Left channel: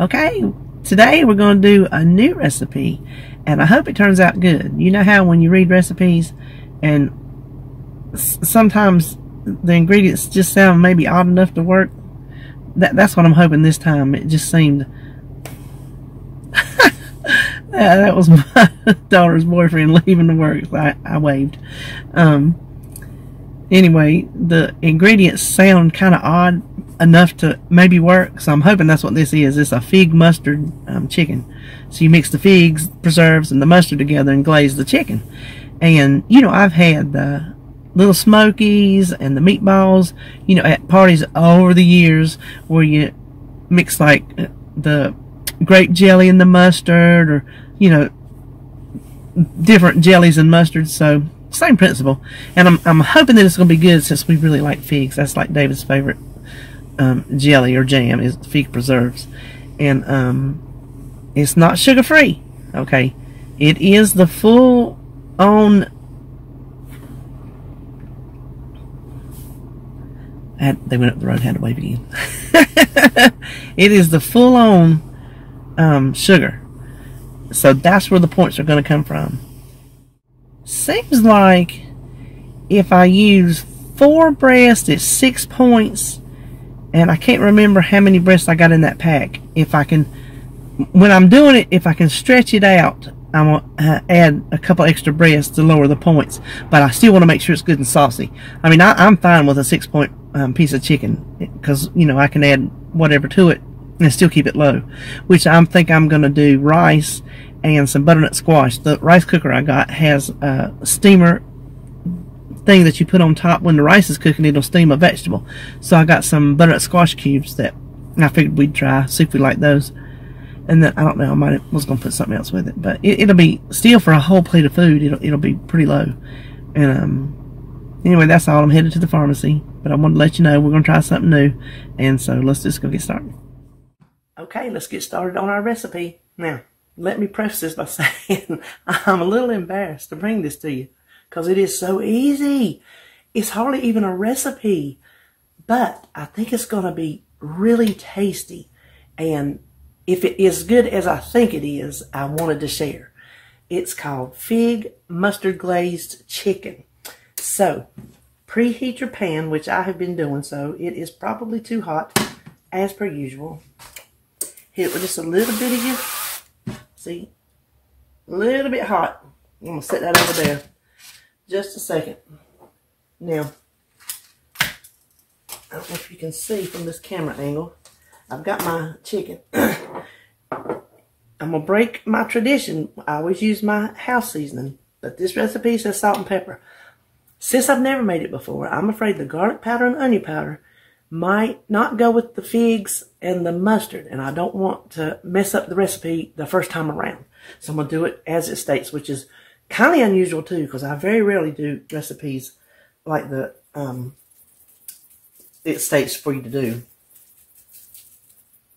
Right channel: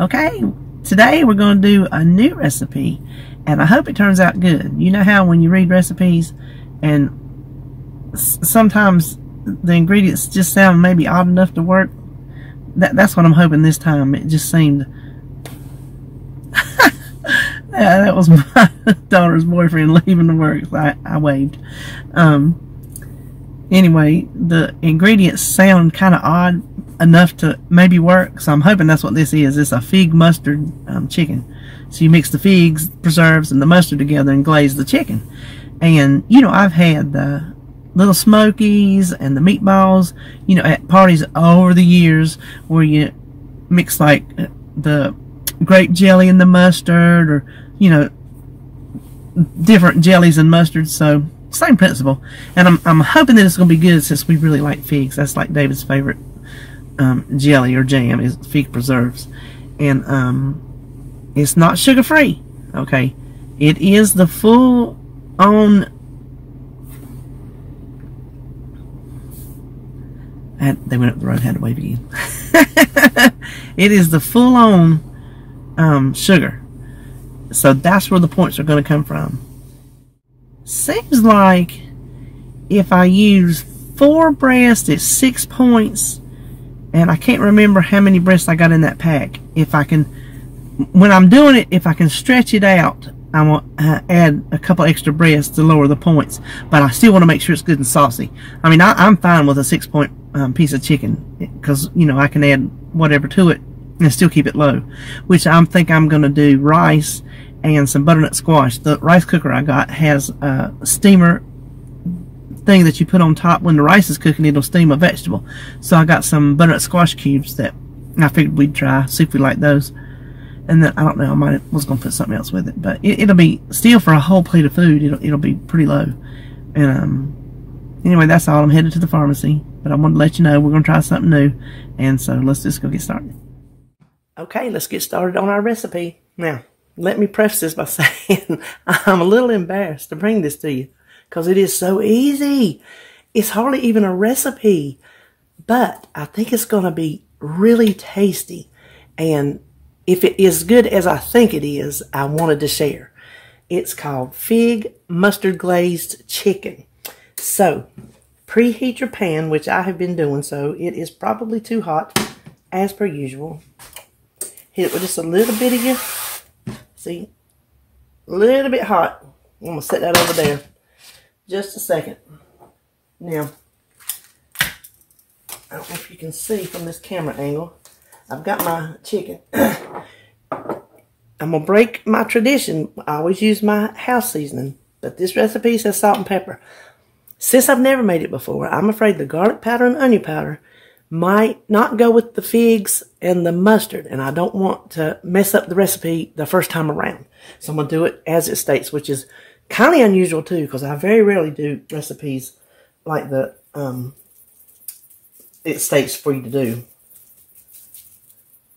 Okay, today we're going to do a new recipe, and I hope it turns out good. You know how when you read recipes and sometimes the ingredients just sound maybe odd enough to work? That's what I'm hoping this time. It just seemed... that was my daughter's boyfriend leaving to work, so I waved. Anyway, the ingredients sound kind of odd enough to maybe work, so I'm hoping that's what this is. It's a fig mustard chicken. So you mix the figs, preserves, and the mustard together and glaze the chicken. And, you know, I've had the little smokies and the meatballs, you know, at parties over the years where you mix like the grape jelly and the mustard, or, you know, different jellies and mustard. So same principle, and I'm hoping that it's going to be good since we really like figs. That's like David's favorite jelly or jam is fig preserves, and it's not sugar free. Okay, it is the full on. They went up the road, had to wave again. It is the full on sugar, so that's where the points are going to come from. Seems like if I use 4 breasts, it's 6 points, and I can't remember how many breasts I got in that pack. If I can, when I'm doing it, if I can stretch it out, I want to add a couple extra breasts to lower the points, but I still want to make sure it's good and saucy. I mean, I'm fine with a 6-point piece of chicken, because, you know, I can add whatever to it and still keep it low, which I think I'm going to do rice and some butternut squash. The rice cooker I got has a steamer thing that you put on top. When the rice is cooking, it'll steam a vegetable. So I got some butternut squash cubes that I figured we'd try, see if we like those. And then, I don't know, was going to put something else with it. But it'll be, still for a whole plate of food, it'll be pretty low. And anyway, that's all. I'm headed to the pharmacy. But I wanted to let you know we're going to try something new. And so let's just go get started. Okay, let's get started on our recipe. Now, let me preface this by saying I'm a little embarrassed to bring this to you because it is so easy. It's hardly even a recipe, but I think it's going to be really tasty. And if it is good as I think it is, I wanted to share. It's called fig mustard glazed chicken. So preheat your pan, which I have been doing, so it is probably too hot as per usual. Hit it with just a little bit of your... See, a little bit hot. I'm going to set that over there. Just a second. Now, I don't know if you can see from this camera angle. I've got my chicken. I'm going to break my tradition. I always use my house seasoning, but this recipe says salt and pepper. Since I've never made it before, I'm afraid the garlic powder and onion powder might not go with the figs and the mustard, and I don't want to mess up the recipe the first time around. So I'm going to do it as it states, which is kind of unusual too, because I very rarely do recipes like the it states for you to do.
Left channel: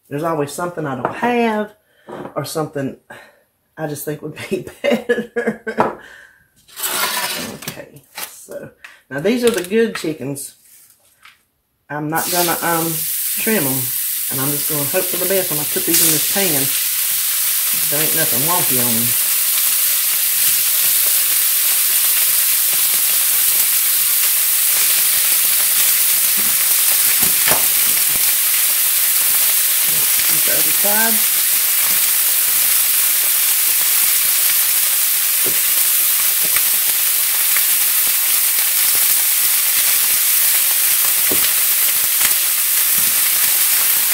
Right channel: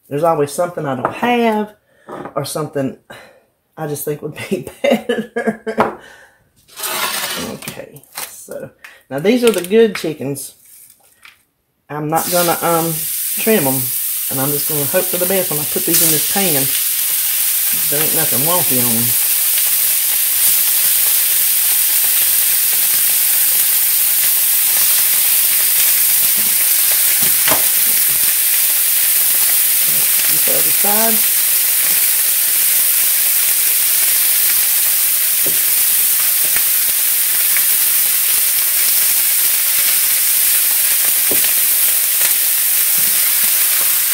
There's always something I don't have, or something I just think would be better. Okay, so now these are the good chickens. I'm not gonna trim them, and I'm just gonna hope for the best when I put these in this pan. There ain't nothing wonky on them. Let's the other side.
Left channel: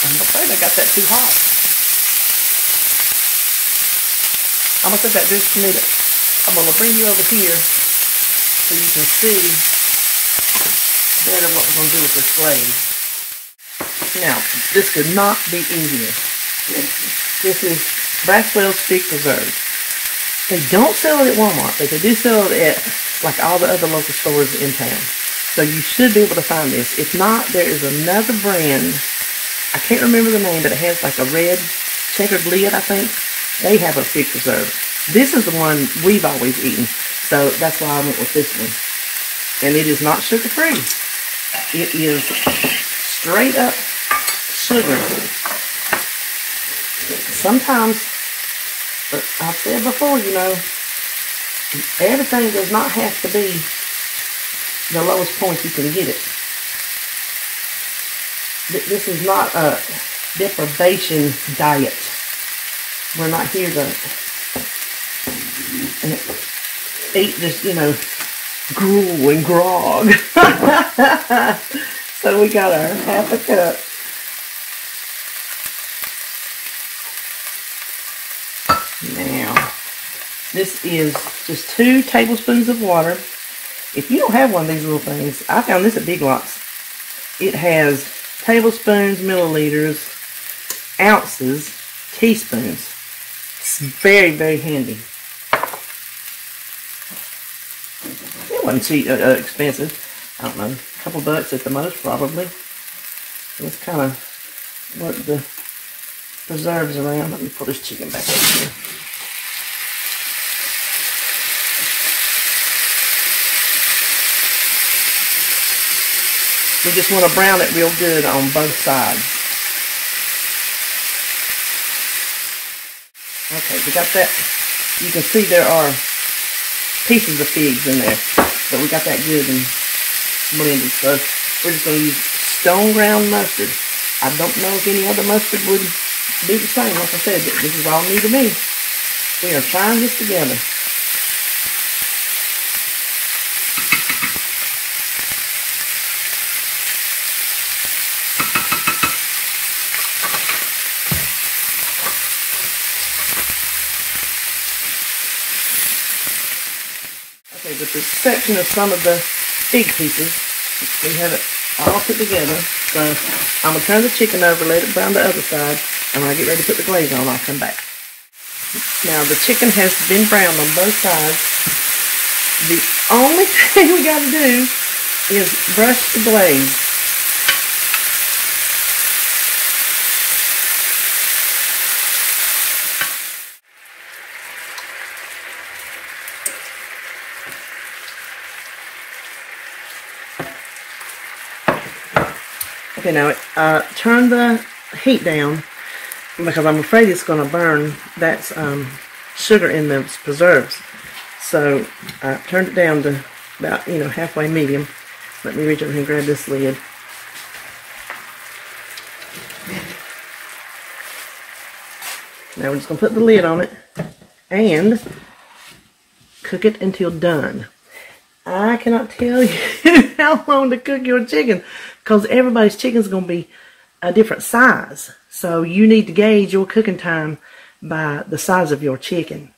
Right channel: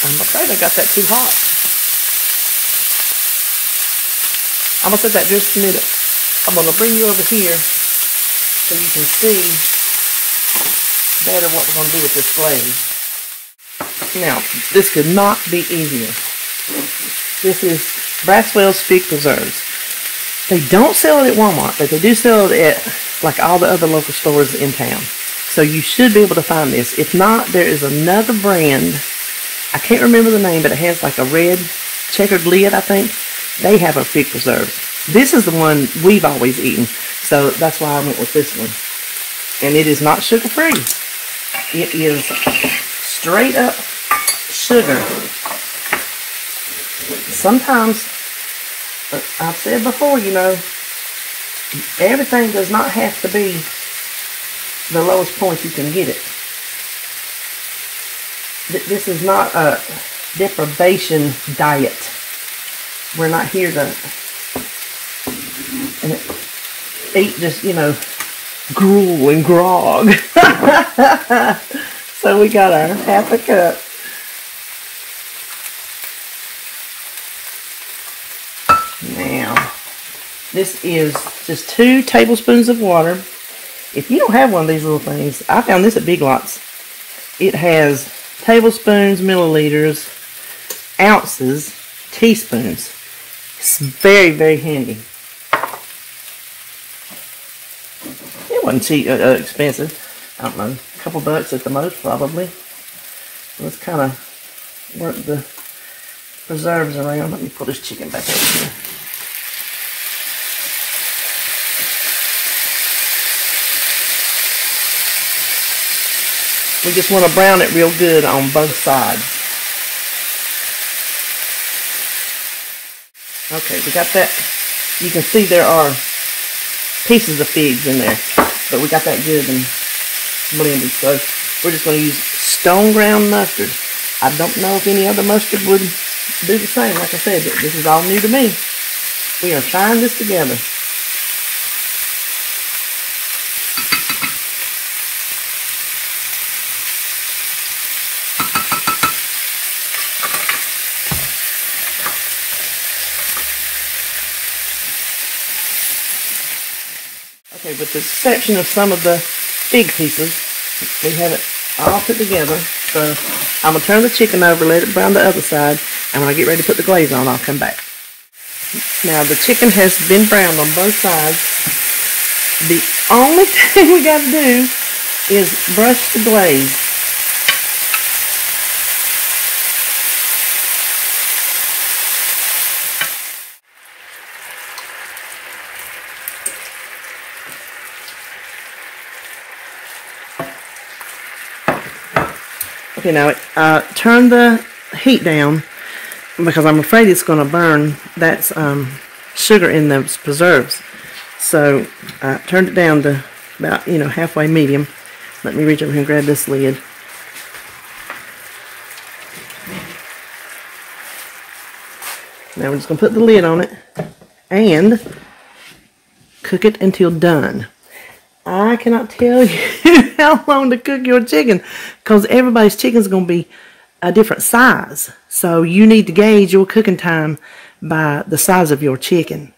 I'm afraid I got that too hot. I'm going to set that just a minute. I'm going to bring you over here so you can see better what we're going to do with this glaze. Now, this could not be easier. This is Braswell's Fig Preserves. They don't sell it at Walmart, but they do sell it at like all the other local stores in town. So you should be able to find this. If not, there is another brand. I can't remember the name, but it has like a red checkered lid, I think. They have a fig preserve. This is the one we've always eaten, so that's why I went with this one. And it is not sugar-free. It is straight up sugar. Sometimes, but I've said before, you know, everything does not have to be the lowest point you can get it. This is not a deprivation diet. We're not here to eat just, you know, gruel and grog. So we got our half a cup. Now, this is just 2 tablespoons of water. If you don't have one of these little things, I found this at Big Lots. It has tablespoons, milliliters, ounces, teaspoons. It's very, very handy. It wasn't cheap, expensive. I don't know, a couple bucks at the most, probably. Let's kind of work the preserves around. Let me pull this chicken back over here. We just want to brown it real good on both sides. Okay, we got that. You can see there are pieces of figs in there, but we got that good and blended. So we're just going to use stone ground mustard. I don't know if any other mustard would do the same. Like I said, this is all new to me. We are trying this together. Okay, with the exception of some of the fig pieces, we have it all put together. So I'm going to turn the chicken over, let it brown the other side, and when I get ready to put the glaze on, I'll come back. Now the chicken has been browned on both sides. The only thing we got to do is brush the glaze. Okay, now turn the heat down because I'm afraid it's going to burn. That's sugar in those preserves. So I turned it down to about, you know, halfway medium. Let me reach over here and grab this lid. Now we're just going to put the lid on it and cook it until done. I cannot tell you how long to cook your chicken because everybody's chicken is going to be a different size. So you need to gauge your cooking time by the size of your chicken.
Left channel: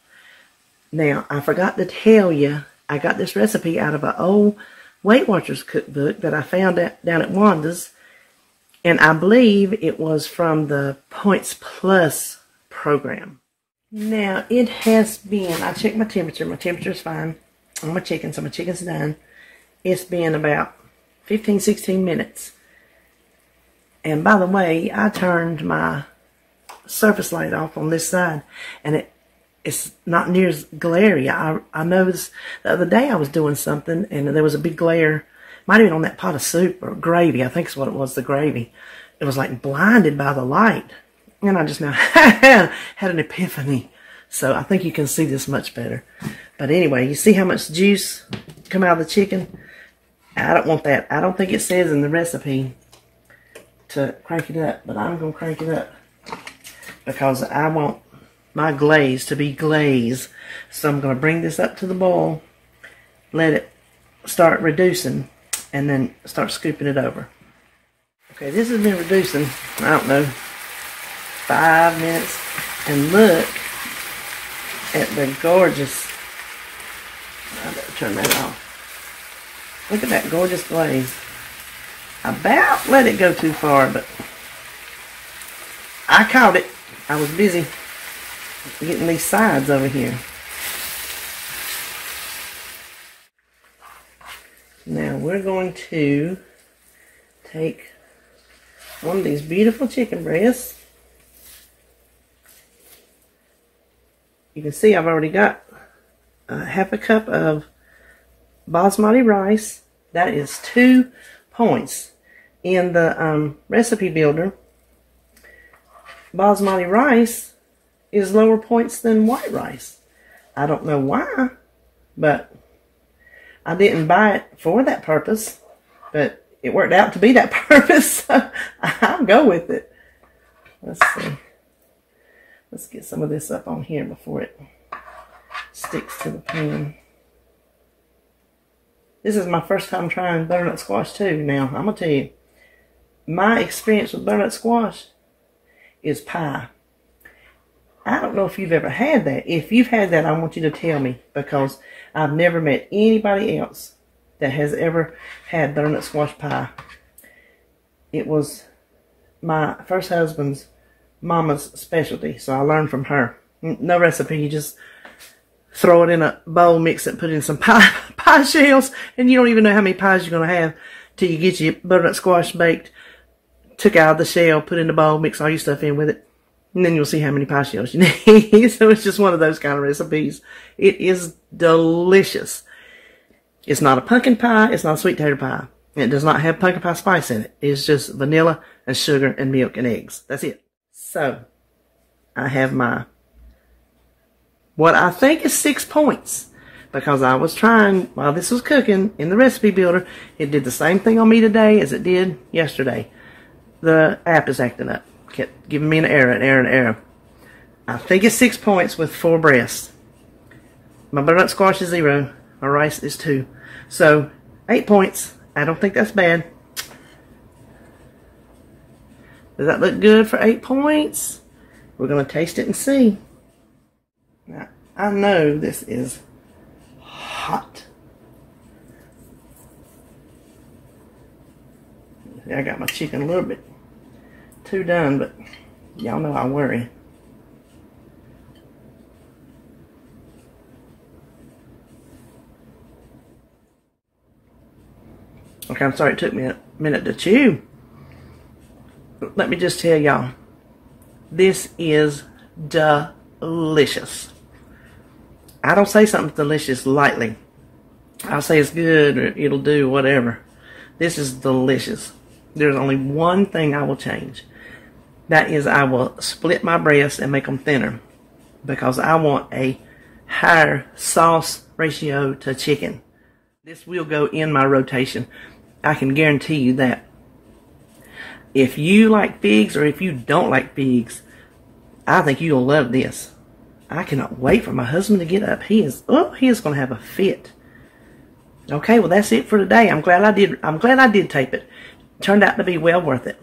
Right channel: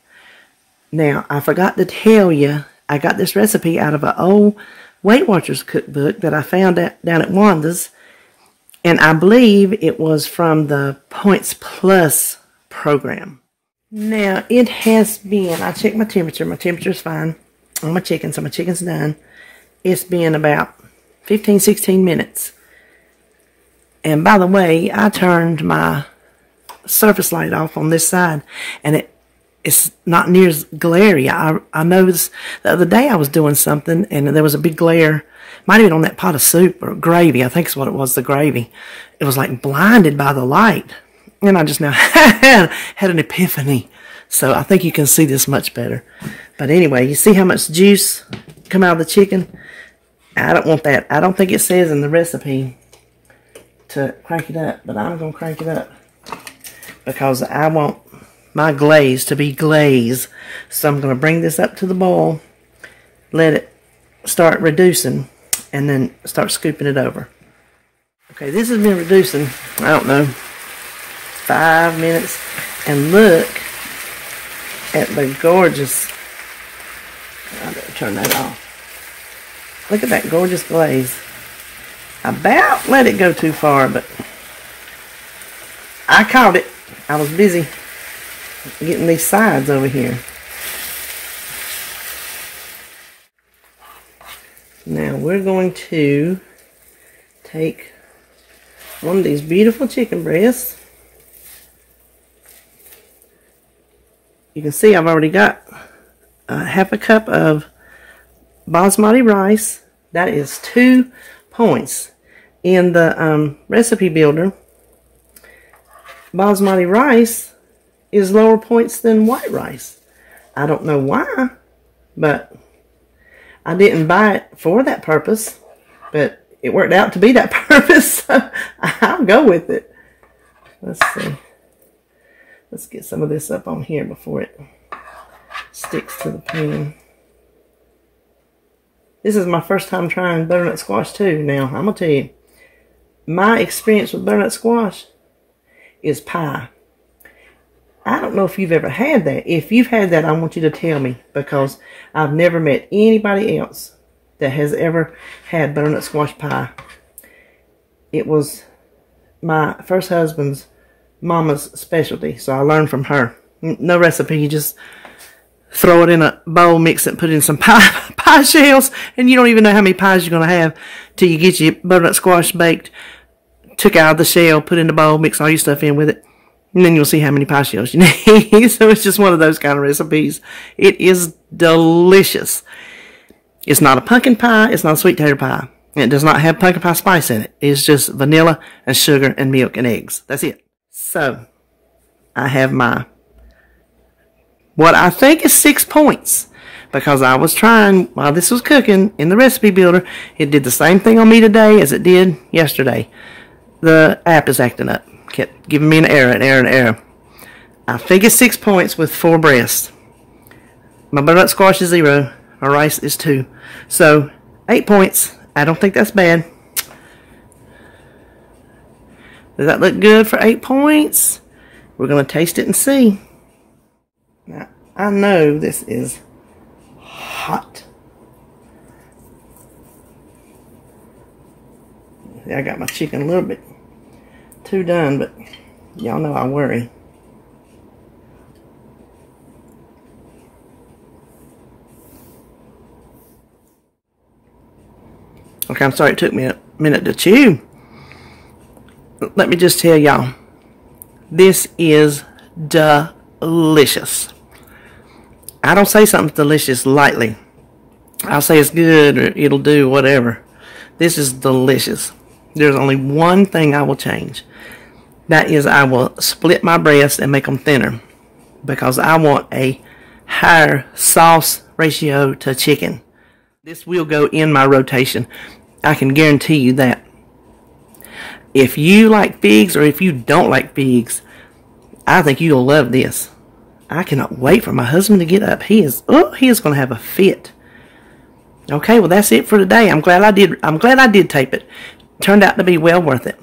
Now, I forgot to tell you, I got this recipe out of an old Weight Watchers cookbook that I found down at Wanda's. And I believe it was from the Points Plus program. Now, it has been, I checked my temperature. My temperature is fine on my chicken, so my chicken's done. It's been about 15, 16 minutes. And by the way, I turned my surface light off on this side, and it's not near as glary. I noticed the other day I was doing something, and there was a big glare. Might have been on that pot of soup or gravy. I think is what it was, the gravy. It was like blinded by the light. And I just now had an epiphany. So I think you can see this much better. But anyway, you see how much juice come out of the chicken? I don't want that. I don't think it says in the recipe to crank it up, but I'm going to crank it up because I want my glaze to be glazed. So I'm going to bring this up to the boil, let it start reducing, and then start scooping it over. Okay, this has been reducing, I don't know, 5 minutes, and look at the gorgeous, I better turn that off. Look at that gorgeous glaze. I about let it go too far, but I caught it. I was busy getting these sides over here. Now we're going to take one of these beautiful chicken breasts. You can see I've already got half a cup of basmati rice. That is 2 points. In the recipe builder, basmati rice is lower points than white rice. I don't know why, but I didn't buy it for that purpose, but it worked out to be that purpose, so I'll go with it. Let's see. Let's get some of this up on here before it sticks to the pan. This is my first time trying butternut squash too. Now, I'm going to tell you, my experience with butternut squash is pie. I don't know if you've ever had that. If you've had that, I want you to tell me, because I've never met anybody else that has ever had butternut squash pie. It was my first husband's mama's specialty, so I learned from her. No recipe, you just throw it in a bowl, mix it, put in some pie shells, and you don't even know how many pies you're going to have till you get your butternut squash baked, took out of the shell, put in the bowl, mix all your stuff in with it, and then you'll see how many pie shells you need. So it's just one of those kind of recipes. It is delicious. It's not a pumpkin pie. It's not a sweet potato pie. It does not have pumpkin pie spice in it. It's just vanilla and sugar and milk and eggs. That's it. So, I have my, what I think is 6 points, because I was trying, while this was cooking, in the recipe builder, it did the same thing on me today as it did yesterday. The app is acting up. Kept giving me an error. I think it's 6 points with 4 breasts. My butternut squash is 0. My rice is 2. So, 8 points. I don't think that's bad. Does that look good for 8 points? We're going to taste it and see. Now, I know this is hot. I got my chicken a little bit too done, but y'all know I worry. Okay, I'm sorry it took me a minute to chew. Let me just tell y'all, this is delicious. I don't say something's delicious lightly. I'll say it's good or it'll do whatever. This is delicious. There's only one thing I will change. That is, I will split my breasts and make them thinner, because I want a higher sauce ratio to chicken. This will go in my rotation. I can guarantee you that. If you like figs, or if you don't like figs, I think you'll love this. I cannot wait for my husband to get up. He is going to have a fit. Okay, well that's it for today. I'm glad I did tape it. Turned out to be well worth it.